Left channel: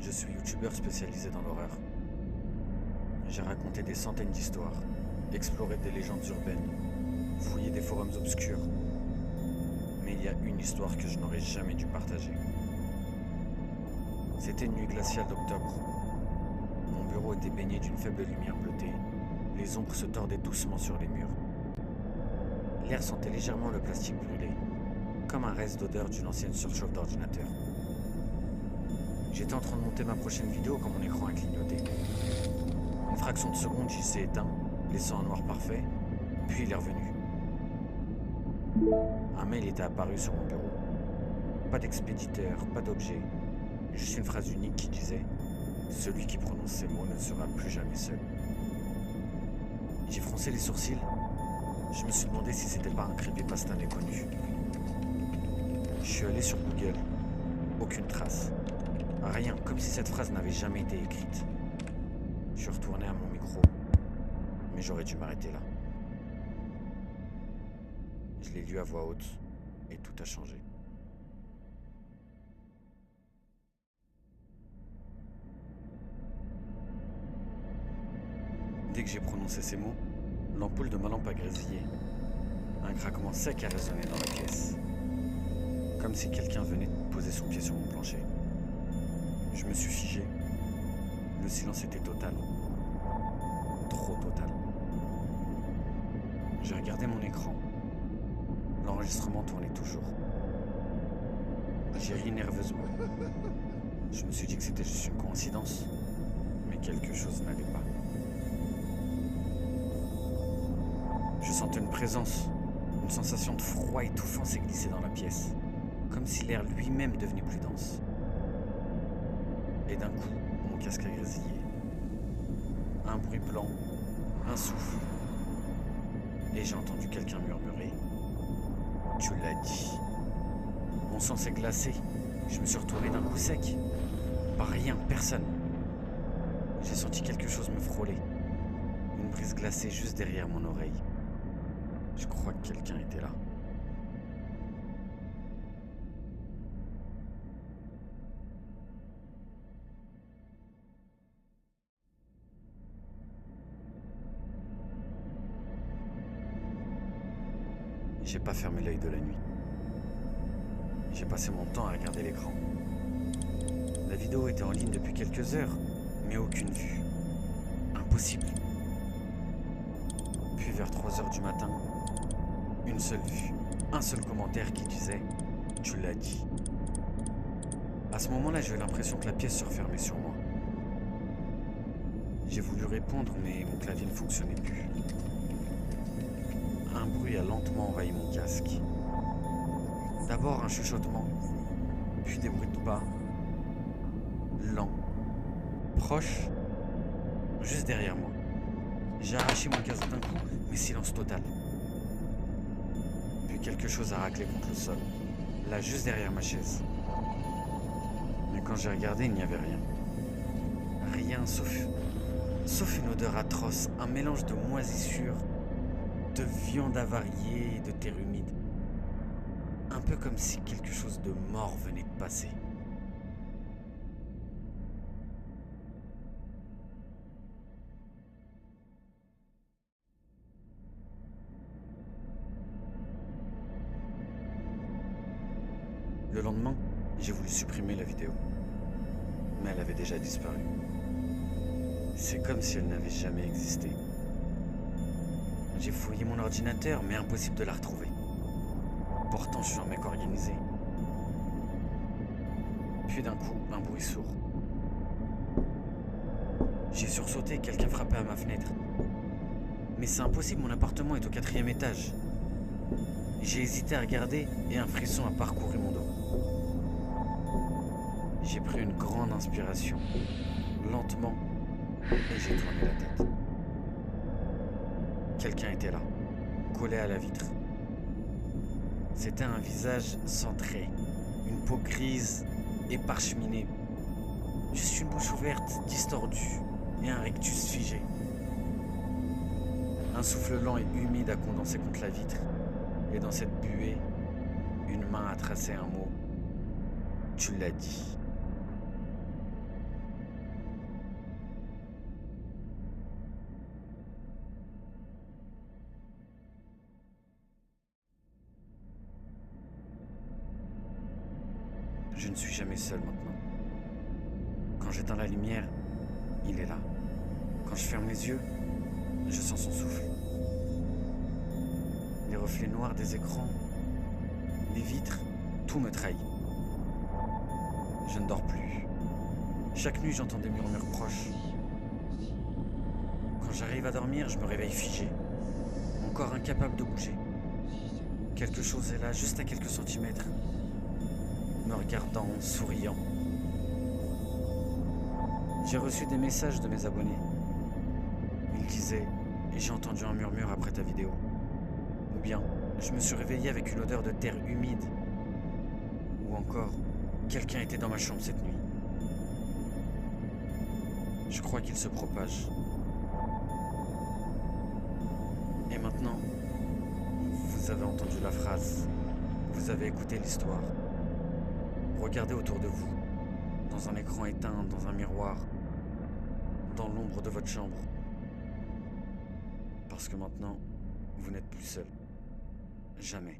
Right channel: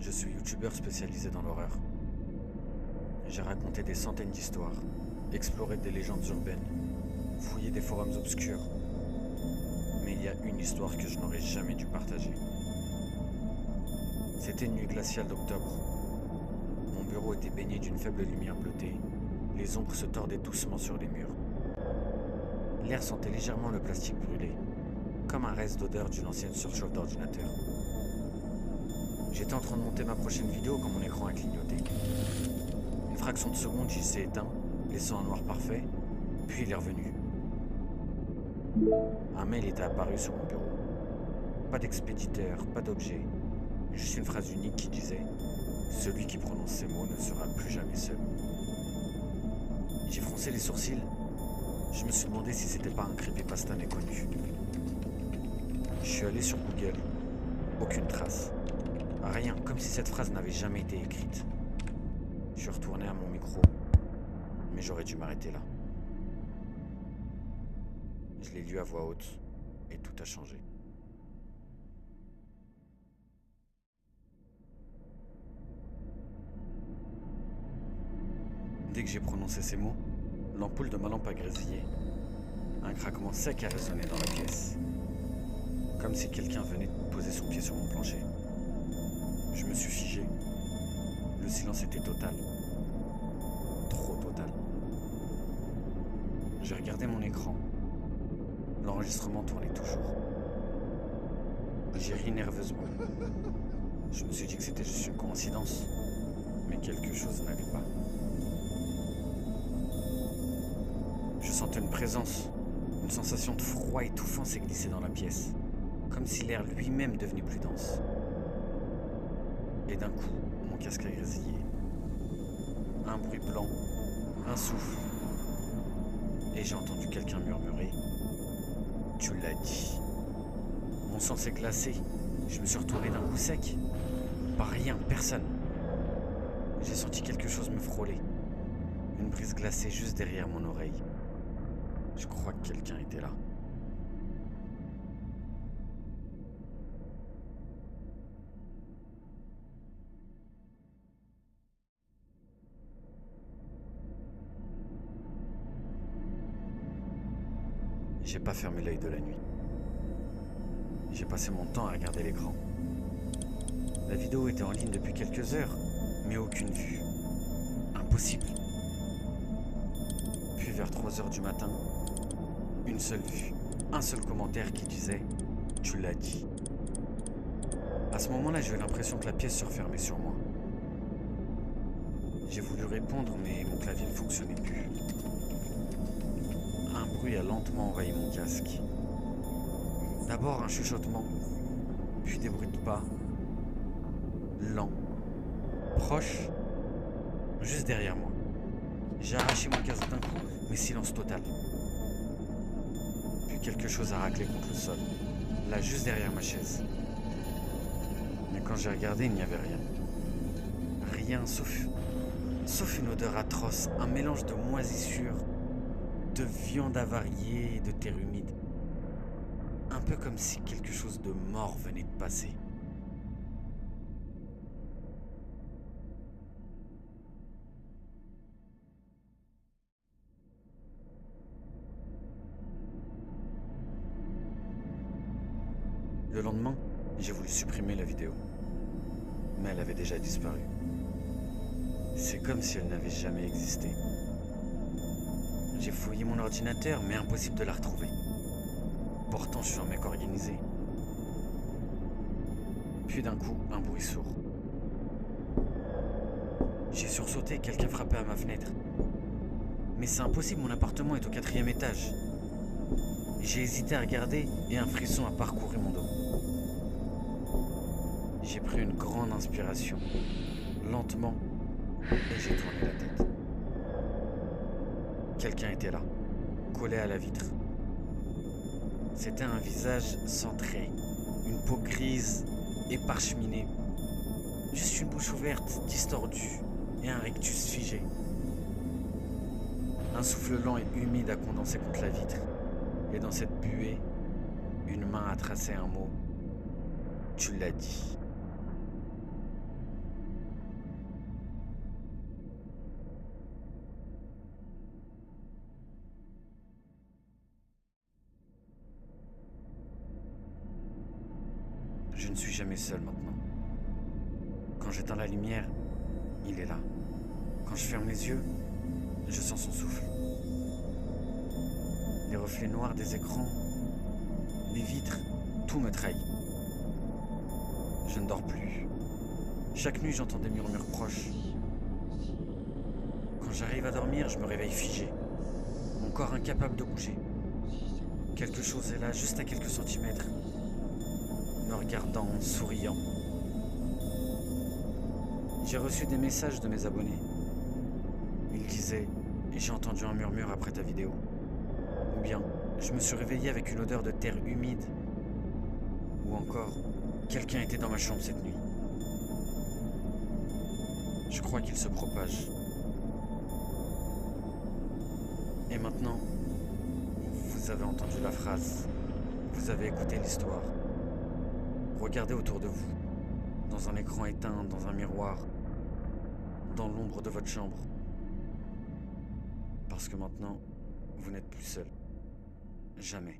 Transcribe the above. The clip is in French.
Je suis youtubeur spécialisé dans l'horreur. J'ai raconté des centaines d'histoires, exploré des légendes urbaines, fouillé des forums obscurs. Mais il y a une histoire que je n'aurais jamais dû partager. C'était une nuit glaciale d'octobre. Mon bureau était baigné d'une faible lumière bleutée. Les ombres se tordaient doucement sur les murs. L'air sentait légèrement le plastique brûlé, comme un reste d'odeur d'une ancienne surchauffe d'ordinateur. J'étais en train de monter ma prochaine vidéo quand mon écran a clignoté. Une fraction de seconde, il s'est éteint, laissant un noir parfait, puis il est revenu. Un mail était apparu sur mon bureau. Pas d'expéditeur, pas d'objet, juste une phrase unique qui disait « Celui qui prononce ces mots ne sera plus jamais seul ». J'ai froncé les sourcils. Je me suis demandé si c'était pas un creepypasta méconnu. Je suis allé sur Google. Aucune trace. Rien, comme si cette phrase n'avait jamais été écrite. Je suis retourné à mon micro, mais j'aurais dû m'arrêter là. Je l'ai lu à voix haute, et tout a changé. Dès que j'ai prononcé ces mots, l'ampoule de ma lampe a grésillé. Un craquement sec a résonné dans la pièce, comme si quelqu'un venait de poser son pied sur mon plancher. Je me suis figé. Le silence était total. Trop total. J'ai regardé mon écran. L'enregistrement tournait toujours. J'ai ri nerveusement. Je me suis dit que c'était juste une coïncidence, mais quelque chose n'allait pas. Je sentais une présence, une sensation de froid étouffant s'est glissée dans la pièce, comme si l'air lui-même devenait plus dense. Et d'un coup, mon casque a grésillé. Un bruit blanc, un souffle. Et j'ai entendu quelqu'un murmurer « Tu l'as dit ». Mon sang s'est glacé. Je me suis retourné d'un coup sec. Pas rien, personne. J'ai senti quelque chose me frôler. Une brise glacée juste derrière mon oreille. Je crois que quelqu'un était là. J'ai pas fermé l'œil de la nuit. J'ai passé mon temps à regarder l'écran. La vidéo était en ligne depuis quelques heures, mais aucune vue. Impossible. Puis vers 3 heures du matin, une seule vue, un seul commentaire qui disait « Tu l'as dit ». À ce moment-là, j'ai eu l'impression que la pièce se refermait sur moi. J'ai voulu répondre, mais mon clavier ne fonctionnait plus. Un bruit a lentement envahi mon casque. D'abord un chuchotement, puis des bruits de pas, lents, proches, juste derrière moi. J'ai arraché mon casque d'un coup, mais silence total. Puis quelque chose a raclé contre le sol, là juste derrière ma chaise. Mais quand j'ai regardé, il n'y avait rien. Rien sauf une odeur atroce, un mélange de moisissure, de viande avariée et de terre humide. Un peu comme si quelque chose de mort venait de passer. Le lendemain, j'ai voulu supprimer la vidéo. Mais elle avait déjà disparu. C'est comme si elle n'avait jamais existé. J'ai fouillé mon ordinateur, mais impossible de la retrouver. Pourtant, je suis un mec organisé. Puis d'un coup, un bruit sourd. J'ai sursauté, quelqu'un frappait à ma fenêtre. Mais c'est impossible, mon appartement est au 4e étage. J'ai hésité à regarder et un frisson a parcouru mon dos. J'ai pris une grande inspiration, lentement, et j'ai tourné la tête. Quelqu'un était là, collé à la vitre. C'était un visage sans traits, une peau grise et parcheminée. Juste une bouche ouverte, distordue, et un rictus figé. Un souffle lent et humide a condensé contre la vitre, et dans cette buée, une main a tracé un mot. Tu l'as dit. Je ne suis jamais seul maintenant. Quand j'éteins la lumière, il est là. Quand je ferme les yeux, je sens son souffle. Les reflets noirs des écrans, les vitres, tout me trahit. Je ne dors plus. Chaque nuit, j'entends des murmures proches. Quand j'arrive à dormir, je me réveille figé, mon corps incapable de bouger. Quelque chose est là, juste à quelques centimètres, me regardant, souriant. J'ai reçu des messages de mes abonnés. Ils disaient « J'ai entendu un murmure après ta vidéo ». Ou bien « Je me suis réveillé avec une odeur de terre humide ». Ou encore « Quelqu'un était dans ma chambre cette nuit ». Je crois qu'il se propage. Et maintenant, vous avez entendu la phrase, vous avez écouté l'histoire. Regardez autour de vous, dans un écran éteint, dans un miroir, dans l'ombre de votre chambre. Parce que maintenant, vous n'êtes plus seul. Jamais.